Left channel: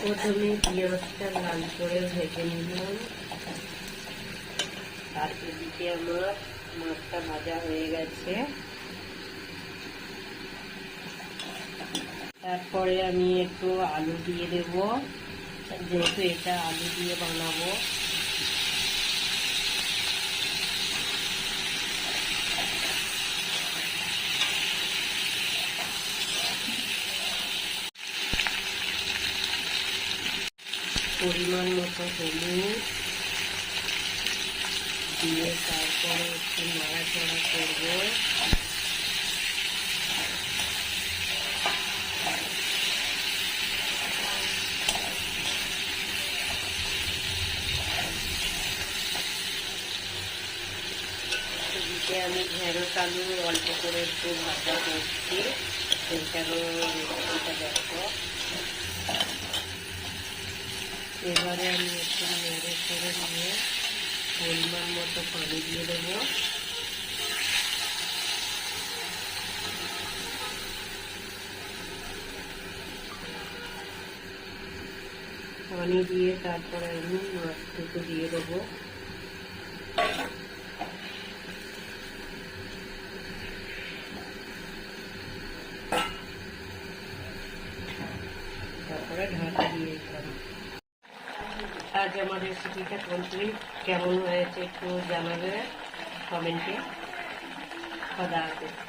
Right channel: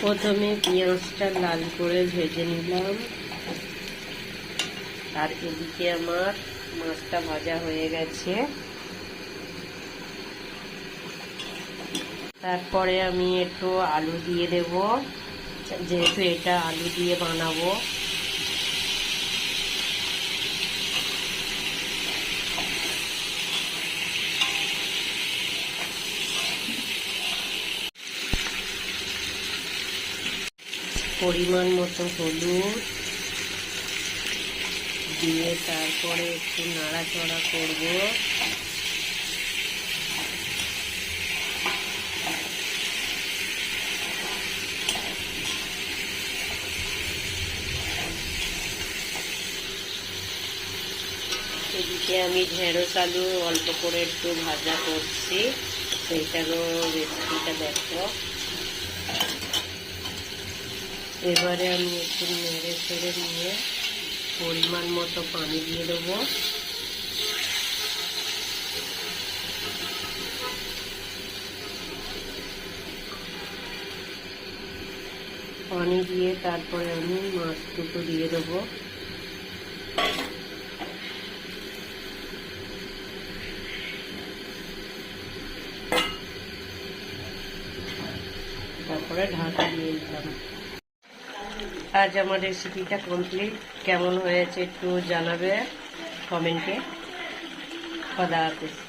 প্রথমে পেঁয়াজটা লাল করে ভেজে নিলাম, আর এদিকে আমার মাছটা ভাজা হয়ে গেছে। তারপরে আমি একটু আলু দিয়ে দেব, যেহেতু এটা আলু দিয়ে বানাবো। পরিমাণ মতো হলুদ দিয়ে তারপরে একটু নাড়াচাড়া করব। এদিকে আমি ঢেঁড়স আলু অল্প করে একটু ভাজা করছি, সেইটারও রেসিপিটা দেখো। এবারে আমি একটু নেড়ে চেড়ে নিয়ে পরিমাণ মতো পানি দিয়ে দেবো। পানি দিয়ে তারপরে আমি মাছ দুটো দিয়ে দেবো। তারপরে ঢাকা দিয়ে দিলাম। আজ আমার রেসিপিটা কমপ্লিট। কেমন হয়েছে একটু জানাবে কমেন্টে। খোদা হাফেজ।